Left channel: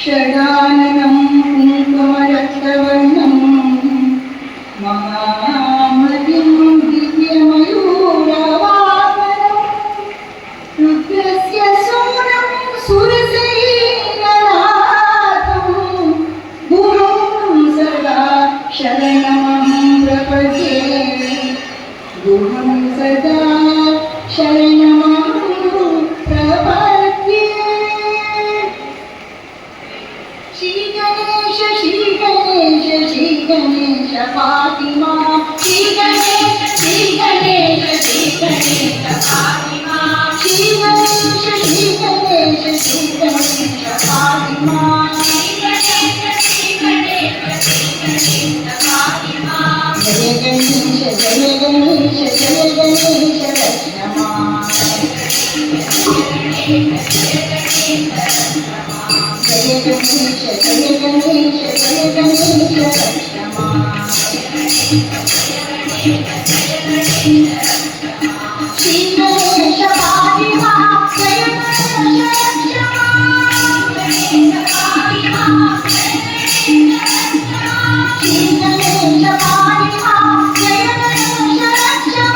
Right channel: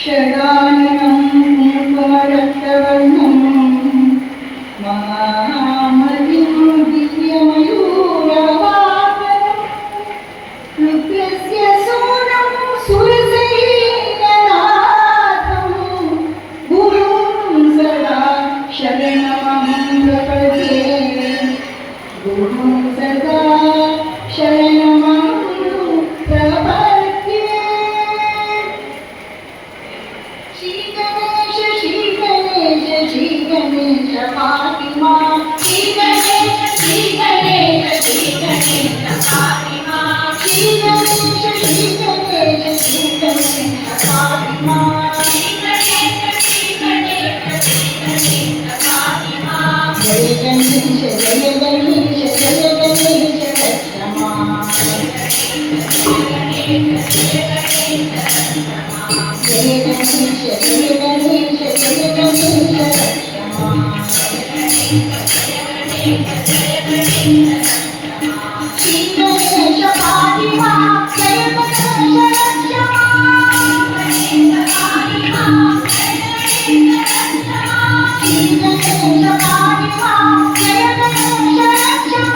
षडाननं कुङ्कुमरक्तवर्णं महामतिं दिव्यमयूरवाहनं रुद्रस्य सूनं सुरसैन्यनाथं गुरुं सदा शरणमहं प्रपद्ये गुरुं सदा शरणमहं प्रपद्ये। श्री गणेश पाहि मां। श्री गणेश पाहि मां। श्री गणेश पाहि मां। जय गणेश जय गणेश जय गणेश रक्ष मां। जय गणेश जय गणेश रक्ष मां। श्री गणेश पाहि मां। जय गणेश रक्ष मां। श्री गणेश पाहि मां। जय गणेश रक्ष मां।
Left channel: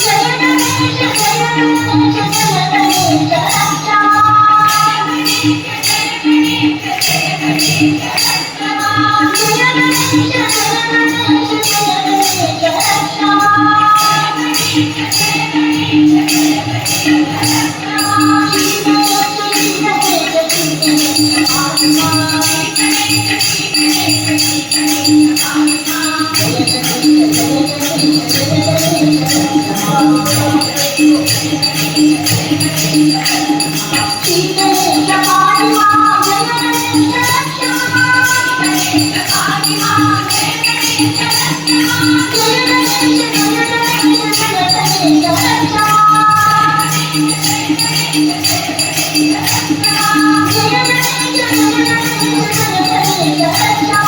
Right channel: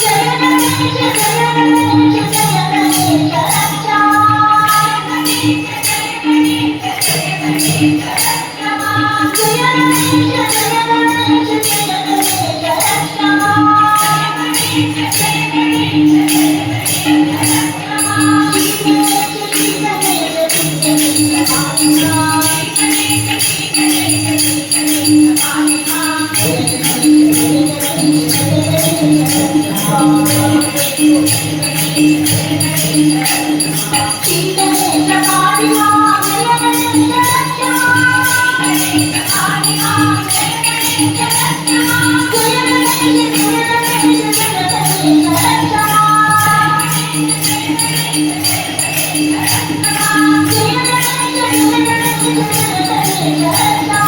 जय गणेश Jai